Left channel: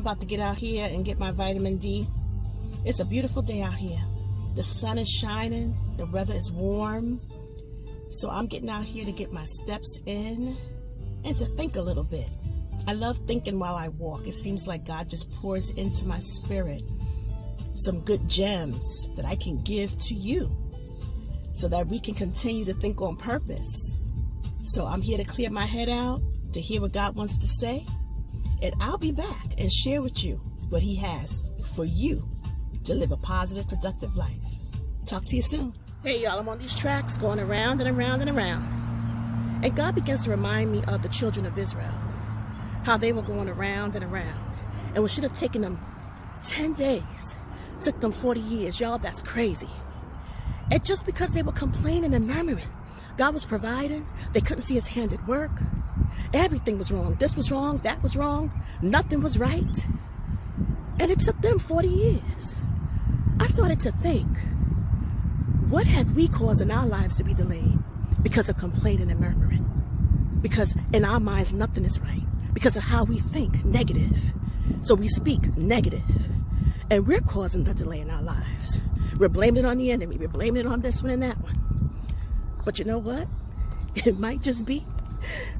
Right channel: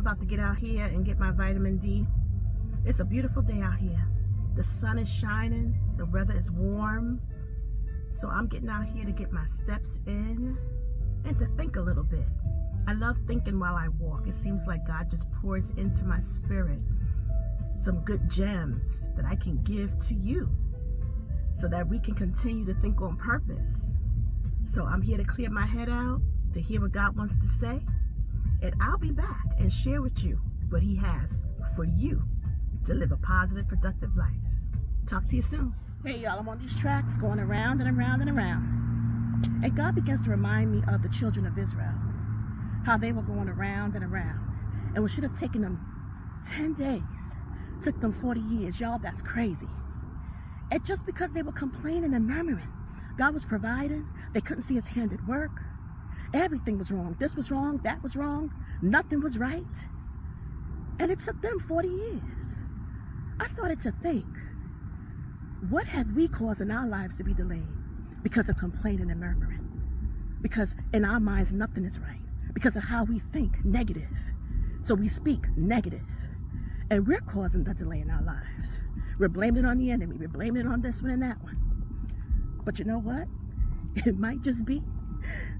I'm about to get out here and get my vitamin D. It's a beautiful day out here. The sun is shining, the weather is warm. So I'm getting out here to get my steps in and to think a little bit. I love thinking while I walk. It seems like God just pours into my spirit some good gems that I can give to you so that we can continue to think on purpose. So I'm here to clear my head out, to hear what God wants to say, and I'll be back and share with you what He has for you to live a positive, productive life. Talk to you soon. Hey y'all, I'm on these tracks going around and around and around. And God begins to remind me of the children of Israel, how they were going around and around. And what should have taken them 10 days took them 40 years. Y'all, that's crazy. And just because they were complaining and murmuring, God was providing. They couldn't see His hand at work. Everything was wrong. This was wrong, that was wrong. Nothing was right. And it took them 40 years. I started to think, what have we caused in our lives to be delayed because of complaining and murmuring? Because in our minds, nothing is right. Because of how we think negative. So we speak negative. And we're causing the delay in our lives. We're blaming it on the enemy. We're blaming it on this one and that one. But you know what? It might just be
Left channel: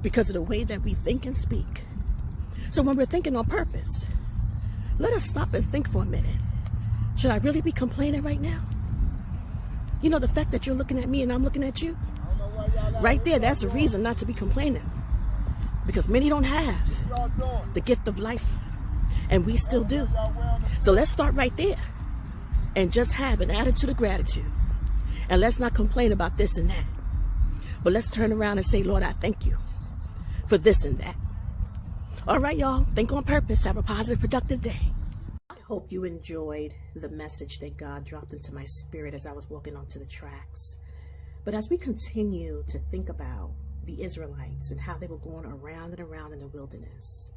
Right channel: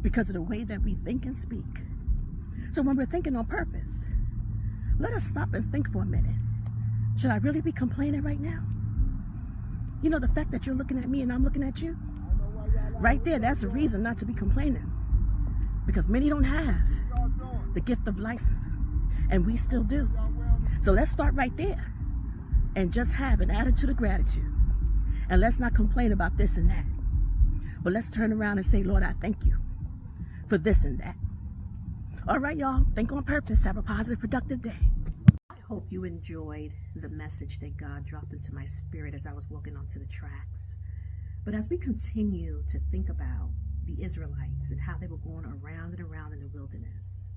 because of the way that we think and speak. So when we're thinking on purpose, let us stop and think for a minute. Should I really be complaining right now? You know, the fact that you're looking at me and I'm looking at you, right there, that's a reason not to be complaining. Because many don't have the gift of life, and we still do. So let's start right there and just have an attitude of gratitude. And let's not complain about this and that. But let's turn around and say, Lord, I thank you for this and that. All right, y'all, think on purpose. Have a positive, productive day. I hope you enjoyed the message that God dropped into my spirit as I was walking onto the tracks. But as we continue to think about the Israelites and how they were going around and around in the wilderness,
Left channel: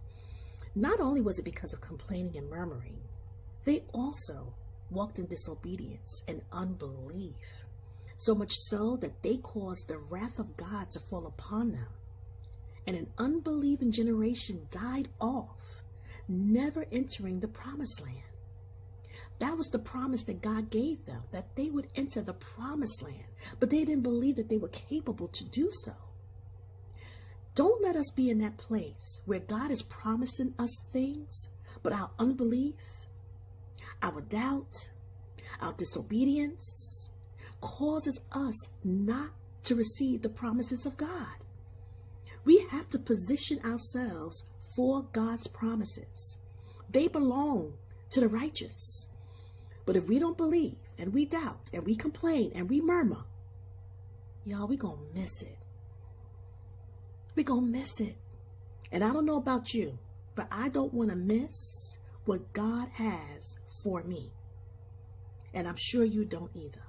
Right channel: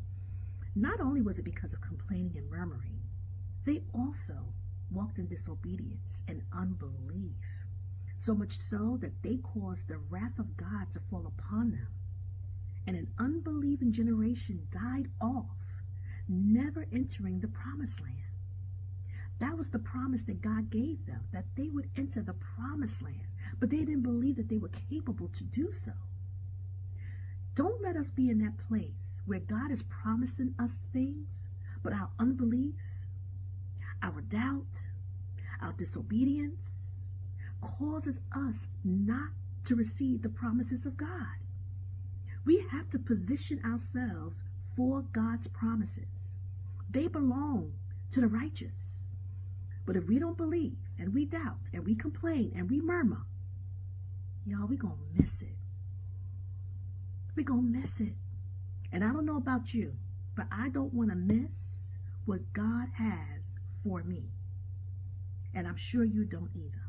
not only was it because of complaining and murmuring, they also walked in disobedience and unbelief. So much so that they caused the wrath of God to fall upon them. And an unbelieving generation died off, never entering the promised land. That was the promise that God gave them, that they would enter the promised land. But they didn't believe that they were capable to do so. Don't let us be in that place where God is promising us things, but our unbelief, our doubt, our disobedience causes us not to receive the promises of God. We have to position ourselves for God's promises. They belong to the righteous. But if we don't believe and we doubt and we complain and we murmur, y'all, we're going to miss it. We're going to miss it. And I don't know about you, but I don't want to miss what God has for me. And I'm sure you don't either.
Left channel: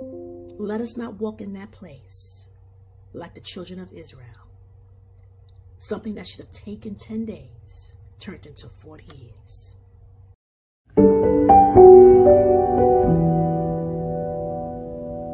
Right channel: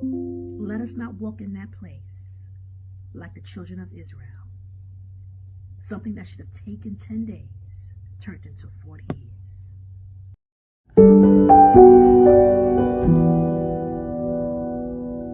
Let us not walk in that place like the children of Israel. Something that should have taken 10 days turned into 40 years.